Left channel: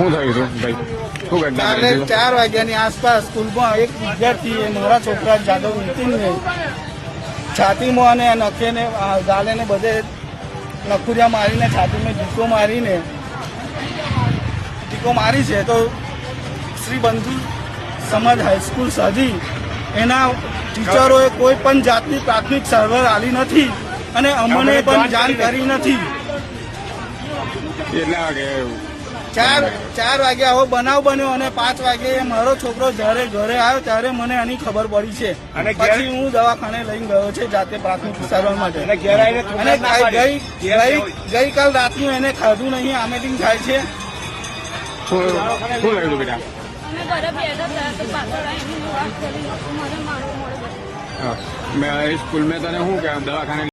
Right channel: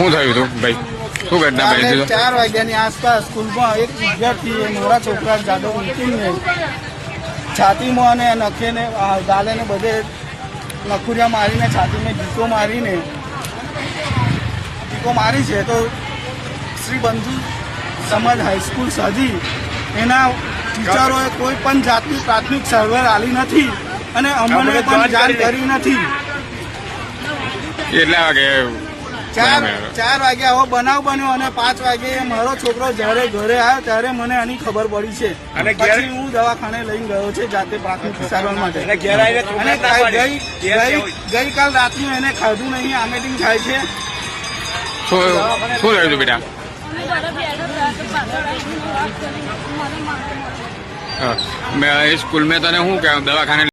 શું થયું હતું ભાઈ? શું ઘટના બની હતી? 4 વાગ્યાની આસપાસ સ્કૂલમાં એક વિદ્યાર્થીએ મારા છોકરા જાદવ નીતિનને છાતીમાં અને નખેને ગાલેને બધે નખુરિયા મારીને છાતીને ઢીકો મારી છે. તો શ્રી બંધુ સમાજ હાઈસ્કૂલ સાજી એના ટીચરોએ કોઈ પણ જાતની પ્રાથમિક સારવાર આપી નથી અને અમને પણ જાણ કરી નથી. કેટલા વાગે? 4 વાગે આવો બનાવ બન્યો અને 5 વાગે મારો છોકરો જયારે ઘરે આવ્યો ત્યારે મને આની ખબર પડી છે અને પછી હું દવાખાને લઈને ગયો છે જાતે પ્રાથમિક સારવાર માટે. અને ગઈકાલ રાતનું એને ખાધું નહીં, આમેટિંગ થાય છે. શું થયું હતું બેટા? સ્કૂલ મેં તને શું કે દવાખાને